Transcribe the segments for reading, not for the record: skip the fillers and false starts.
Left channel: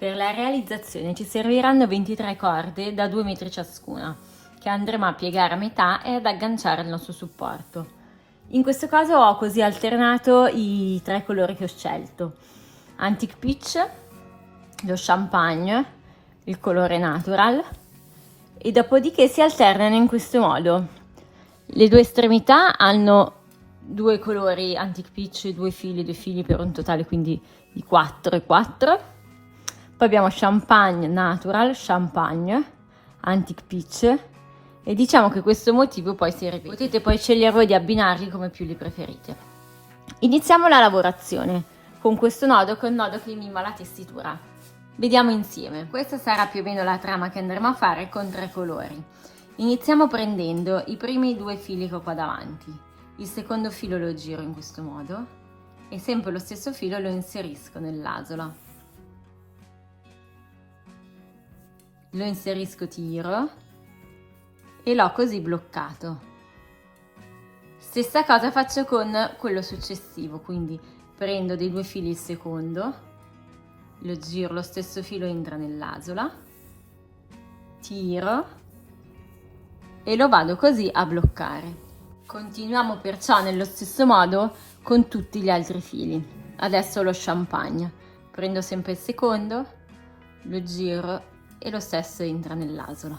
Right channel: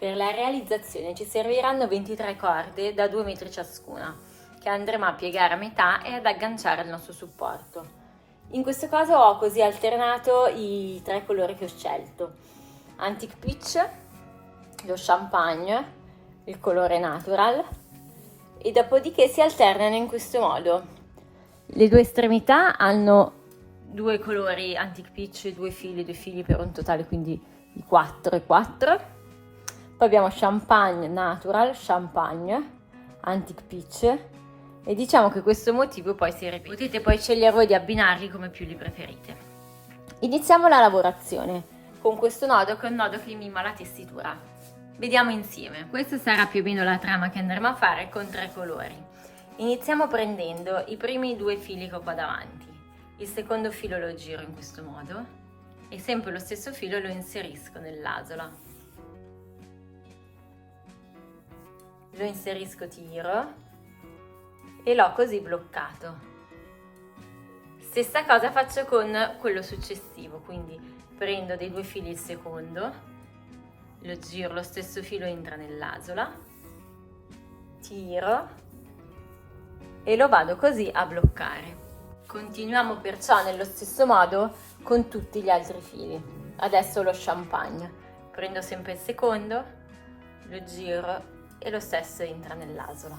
Per la realizzazione ci serviranno 23 corde da 2 metri ciascuna, che andremo a piegare a metà e ad agganciare al nostro supporto. In questo caso ho così alternato i 3 colori che ho scelto: Antique Peach, lo Champagne, il colore Natural, e dopodiché si alternano in questo modo. Le due estremità hanno 2 colori Antique Peach, 2 fili per un totale quindi di 4 e 4. Poi abbiamo Champagne Natural, Champagne, Antique Peach, e diciamo che questo motivo poi si ripete. Potete poi scegliere voi di abbinarli come più li preferite. Iniziamo la lavorazione con questo nodo, che è un nodo che mima la tessitura. Vediamo insieme. Questa sarà più o meno la trama che andremo a fare con 3 colori. Iniziamo prendendo i primi 2 fili che ho qua davanti. Il secondo filo lo giro in questo modo e sempre lo stesso filo lo inserisco nell'asola. Lo inserisco, tiro e l'ho così bloccato. Stessa cosa faccio con quello successivo, quindi prendo dei 2 fili il secondo, lo giro, lo stesso filo entra nell'asola, tiro e lo vado così a bloccare. Continuiamo perciò nello stesso modo con tutti gli altri fili. Adesso lo Champagne, prendo sempre il secondo, lo giro e lo stesso entra nell'asola.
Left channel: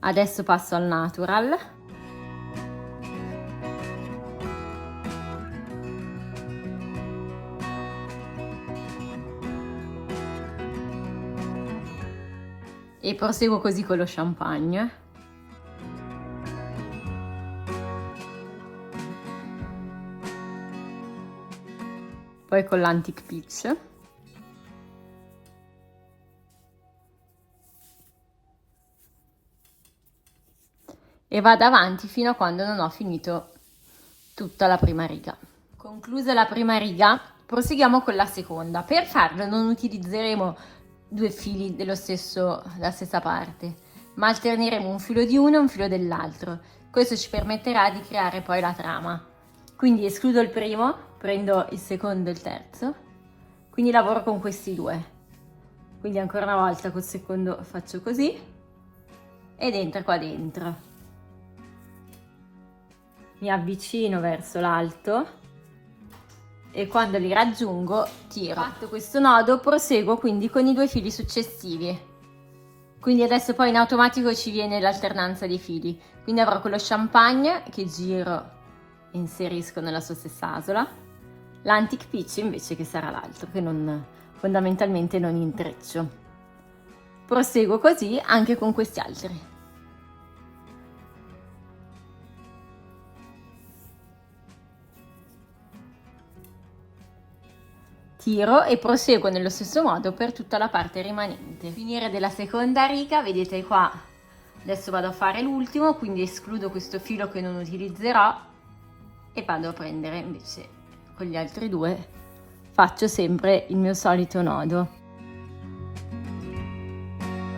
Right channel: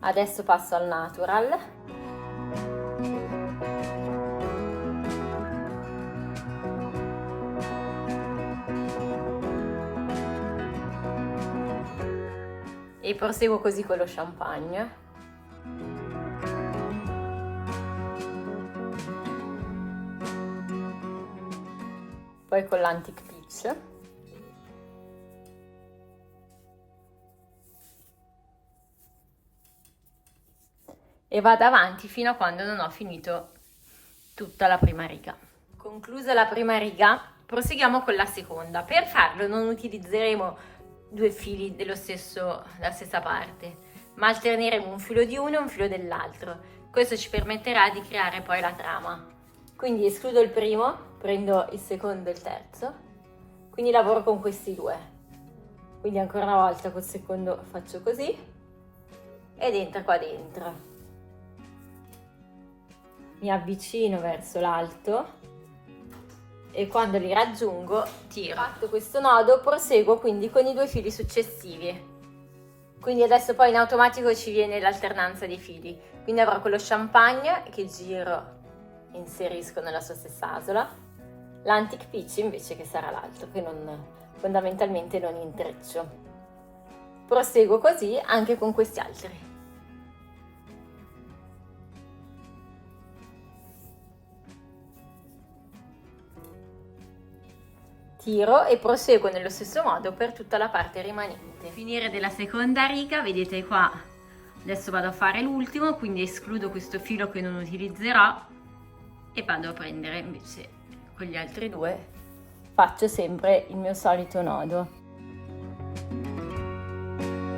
Adesso passo al Natural. E proseguo così con lo Champagne. Poi con l'Antique Peach. E vado avanti fino a quando non ho finito tutta la prima riga. Conclusa la prima riga, proseguiamo con la seconda. Per farlo non utilizzeremo 2 fili della stessa parte, ma alterneremo un filo di uno e un filo dell'altro. Questo ci permetterà di creare poi la trama. Quindi escludo il primo, prendo il secondo e il terzo, quindi lavoro con questi 2. Quindi ancora una volta col secondo faccio così ed entra qua dentro. Mi avvicino verso l'alto e quando li raggiungo tiro. Fatto questo nodo, proseguo quindi con i 2 fili successivi. Quindi adesso poi in automatico ci viene l'alternanza dei fili. Quindi avrò quello Champagne che giro e inserisco nella sua stessa asola, l'Antique Peach invece che sarà l'altro, che fondamentalmente non intreccio. Proseguo così anche con questi altri. Tiro e proseguo nello stesso modo per tutta la parte rimanente. Finire della seconda riga, vedete qua, adesso vado a fare l'ultimo, quindi escludo questo filo che non utilizzerò e vado a prendere invece con gli altri 2, faccio sempre il mio solito nodo.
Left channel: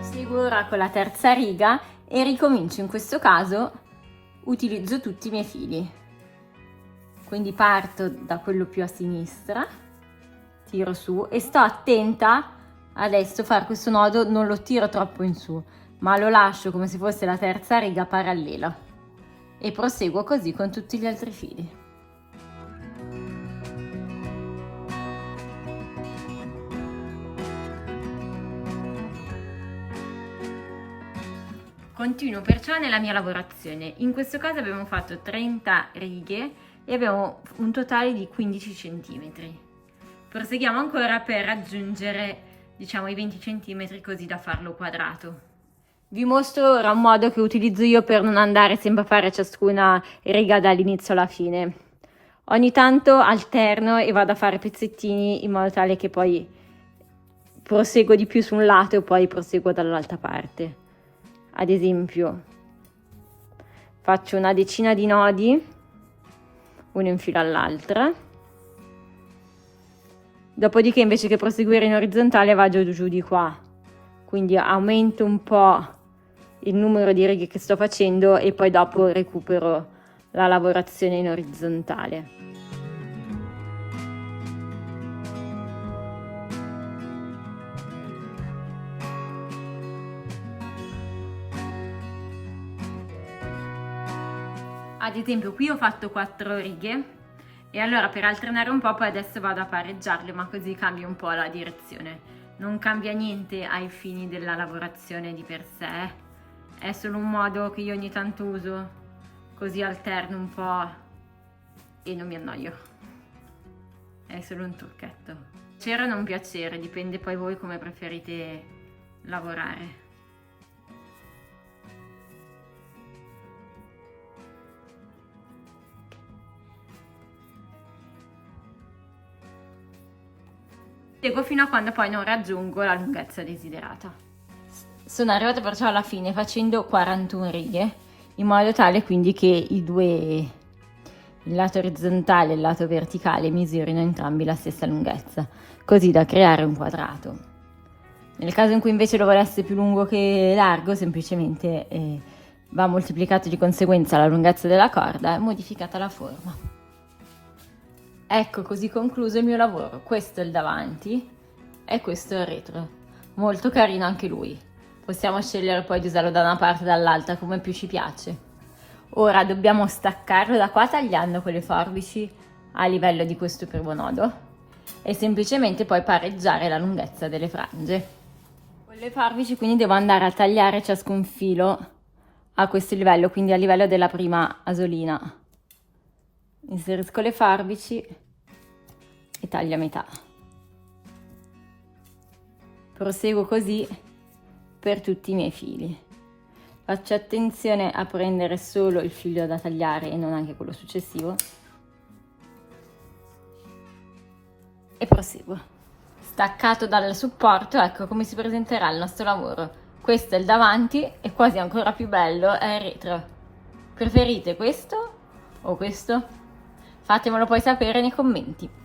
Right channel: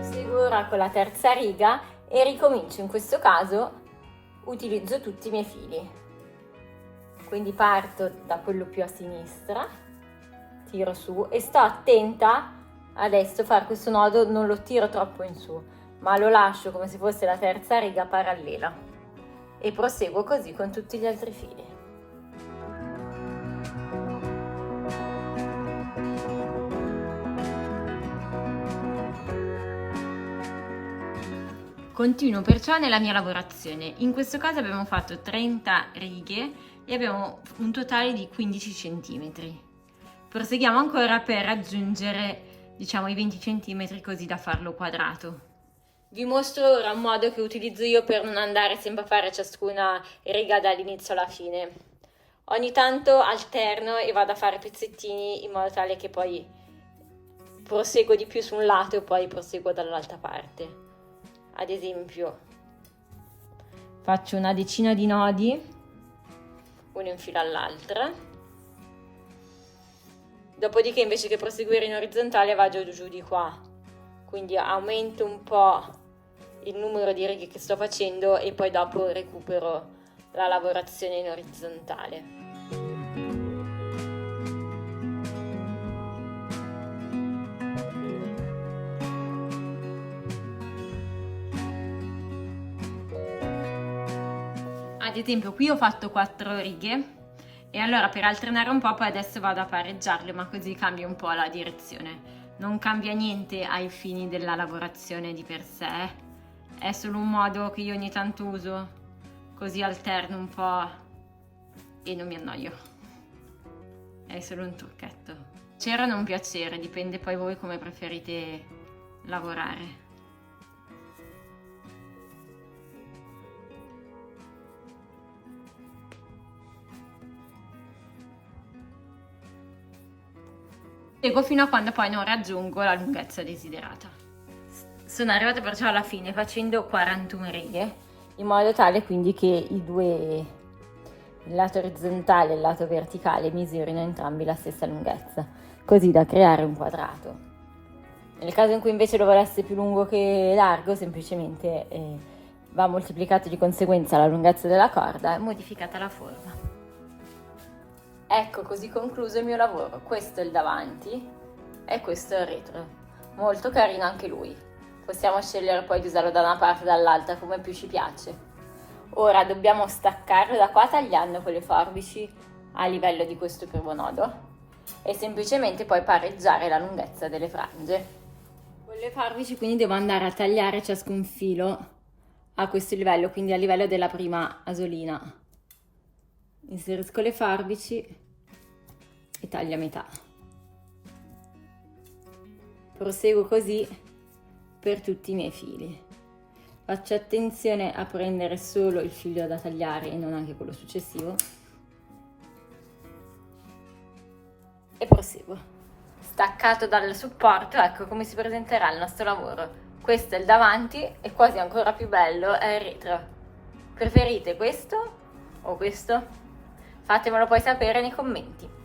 Seguo ora con la terza riga e ricomincio. In questo caso utilizzo tutti i miei fili, quindi parto da quello più a sinistra, tiro su e sto attenta adesso a fare questo nodo, non lo tiro troppo in su ma lo lascio come se fosse la terza riga parallela e proseguo così con tutti gli altri fili. Continuo perciò nella mia lavorazione. In questo caso abbiamo fatto 30 righe e abbiamo un totale di 15 cm. Proseguiamo ancora per raggiungere, diciamo, i 20 cm così da farlo quadrato. Vi mostro ora un modo che utilizzo io per non andare sempre a fare ciascuna riga dall'inizio alla fine. Ogni tanto alterno e vado a fare pezzettini in modo tale che poi proseguo di più su un lato e poi proseguo dall'altra parte. Ad esempio, faccio una decina di nodi, uno in fila all'altra. Dopodiché invece che proseguire in orizzontale vado giù di qua, quindi aumento un po' il numero di righe che sto facendo e poi dopo recupero la lavorazione in orizzontale. ad esempio qui ho fatto 4 righe e allora per alternare un po' poi adesso vado a pareggiarle, ma così cambia un po' la direzione. Non cambia niente ai fini della lavorazione di per sé, è solo un modo che io ogni tanto uso, così alterno un po' e non mi annoio. È solo un trucchetto. Piacere o non piacere, dipende poi voi come preferite lavorare. Seguo fino a quando poi non raggiungo la lunghezza desiderata. Sono arrivata perciò alla fine facendo 41 righe, in modo tale quindi che i due, il lato orizzontale e il lato verticale, misurino entrambi la stessa lunghezza, così da creare un quadrato. Nel caso in cui invece lo volesse più lungo che largo, semplicemente va moltiplicato di conseguenza la lunghezza della corda e modificata la forma. Ecco, così concluso il mio lavoro. Questo è il davanti e questo è il retro. Molto carino anche lui. Possiamo scegliere poi di usarlo da una parte o dall'altra come più ci piace. Ora dobbiamo staccarlo da qua tagliando con le forbici a livello di questo primo nodo e semplicemente poi pareggiare la lunghezza delle frange. Con le forbici quindi devo andare a tagliare ciascun filo a questo livello, quindi a livello della prima asolina. Inserisco le forbici e taglio a metà. Proseguo così per tutti i miei fili. Faccio attenzione a prendere solo il filo da tagliare e non anche quello successivo. E proseguo. Staccato dal supporto, ecco come si presenterà il nostro lavoro. Questo è il davanti e quasi ancora più bello è il retro. Preferite questo o questo? Fatemelo poi sapere nei commenti.